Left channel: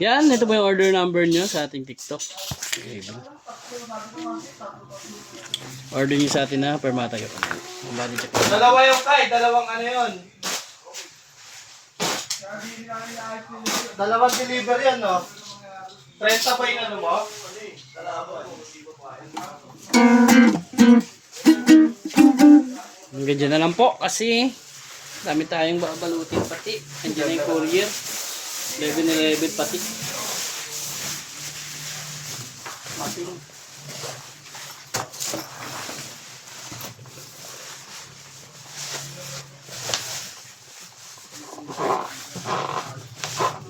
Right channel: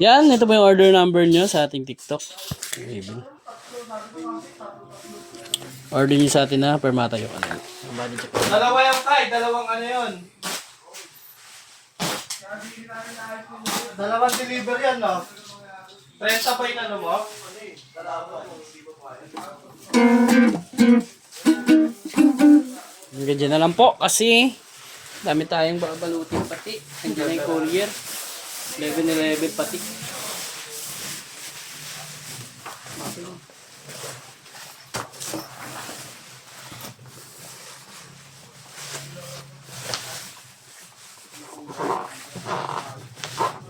Yan, ito po yung order number nyo sa ating TikTok. Okay, order nyo sa atin na permata yung ano. Dalawa yung kay, dalawang ano yun. Dalawang deliver yan, no? 30 pa yung ano mo? Hanggang dyan na lang po kasi dami tayong babalutin pati. Andiyan na yung courier. 11-11 pati. Mati lang.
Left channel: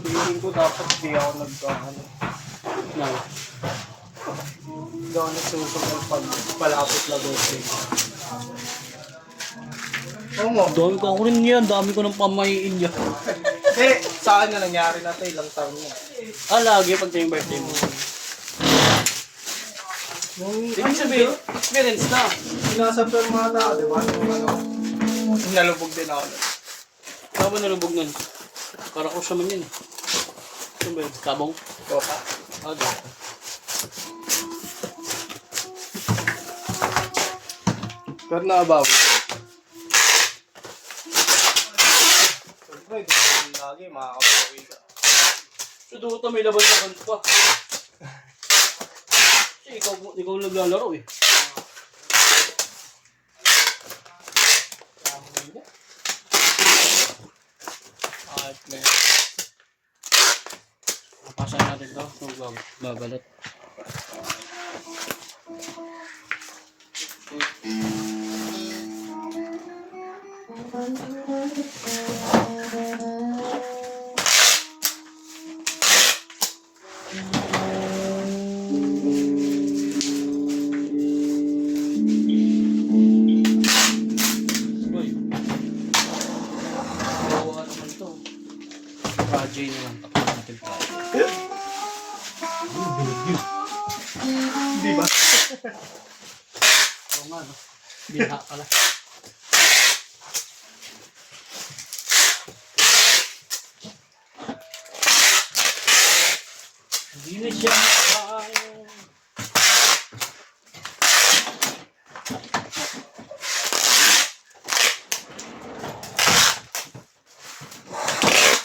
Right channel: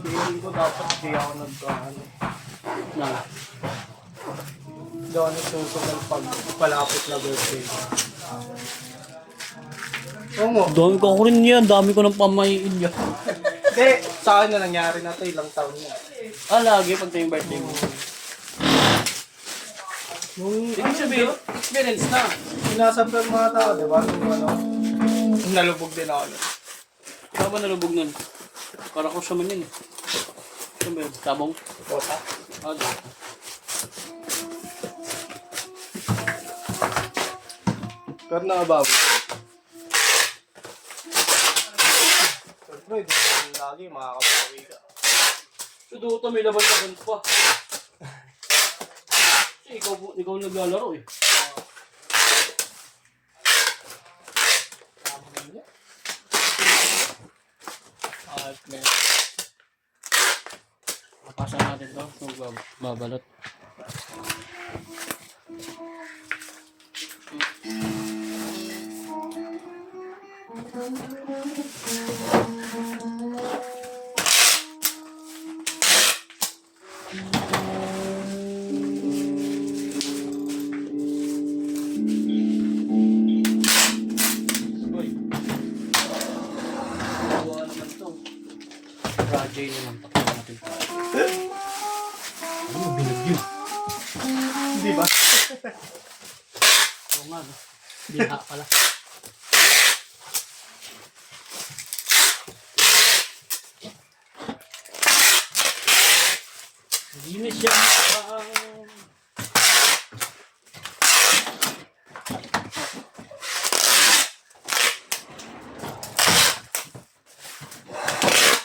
Feeling ko dapat di ako nagkakano. No. Hindi ako nagsusok pag palapit na birthday. Oo mo. Dami ko ako rin yan. Dami ko ng pamahiin yan. Hindi, sa akin na nangyari na ito, ilang taon na. Lagi pag ito yung birthday mo. Ibig sabihin, experience na. Sinasampal mga tao, di ba? Nalubog din ako. Saan ba nalubog nun? Karakos naman yun. Saan ba yun? Tabong? Opa. Dito. Pero naabaw. Siyempre, hindi lagi makakapawi ka. So doon may laban-laban pa. Kasi ikaw naglalaro eh. At may Papasan natin to. Babalot. Projay na lang takot natin tayo. Bilog. Di ba? Oo nga no. Bilha pala. Hindi na siya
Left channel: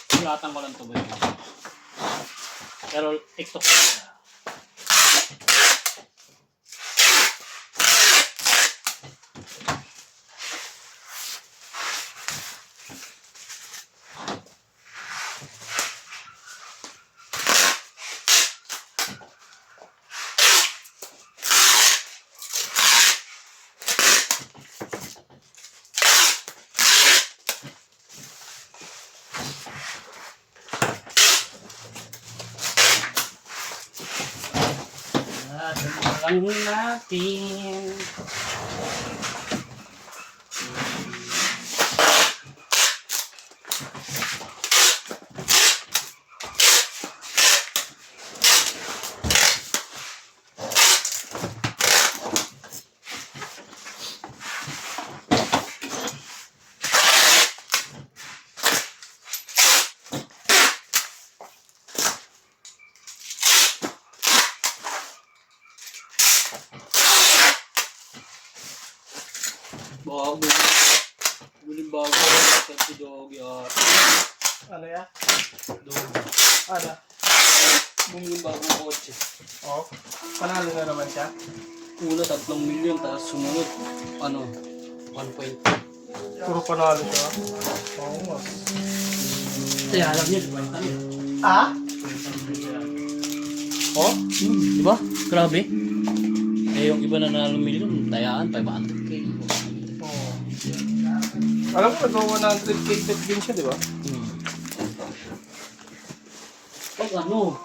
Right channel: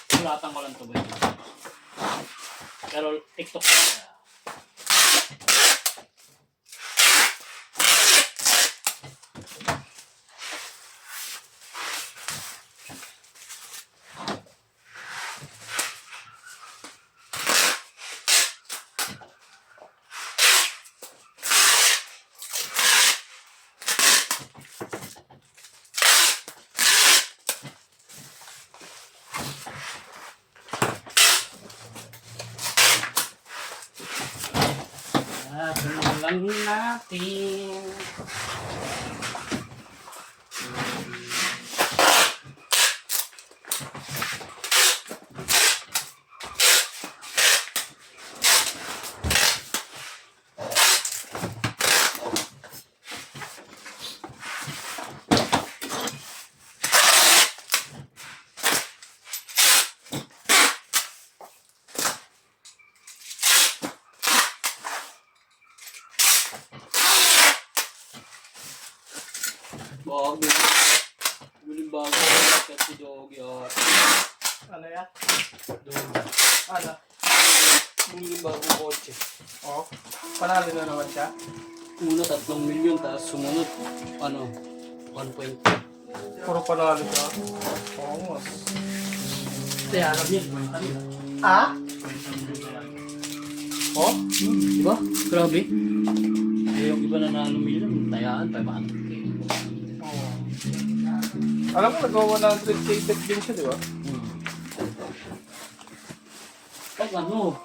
Sulatang ko lang ito ba? Pero TikTok ko na. Lang natin. Bago. Guling bago. Kasi doggy at. Ano yan? Doggy. Ano? Guling bago kotse. Oh, panalo na naman siya. Una 3 milyon tapos sumunod 1.2. Puro panalo siya. Oo nga. Kaya alam niya, 20 yun. Ah? Oh? Diba? Grabe. Eh yung iba na nanalo milyon, tayaan 500k. Oo. Alam mo, nag-100k bet din siya, di ba? Pag ano,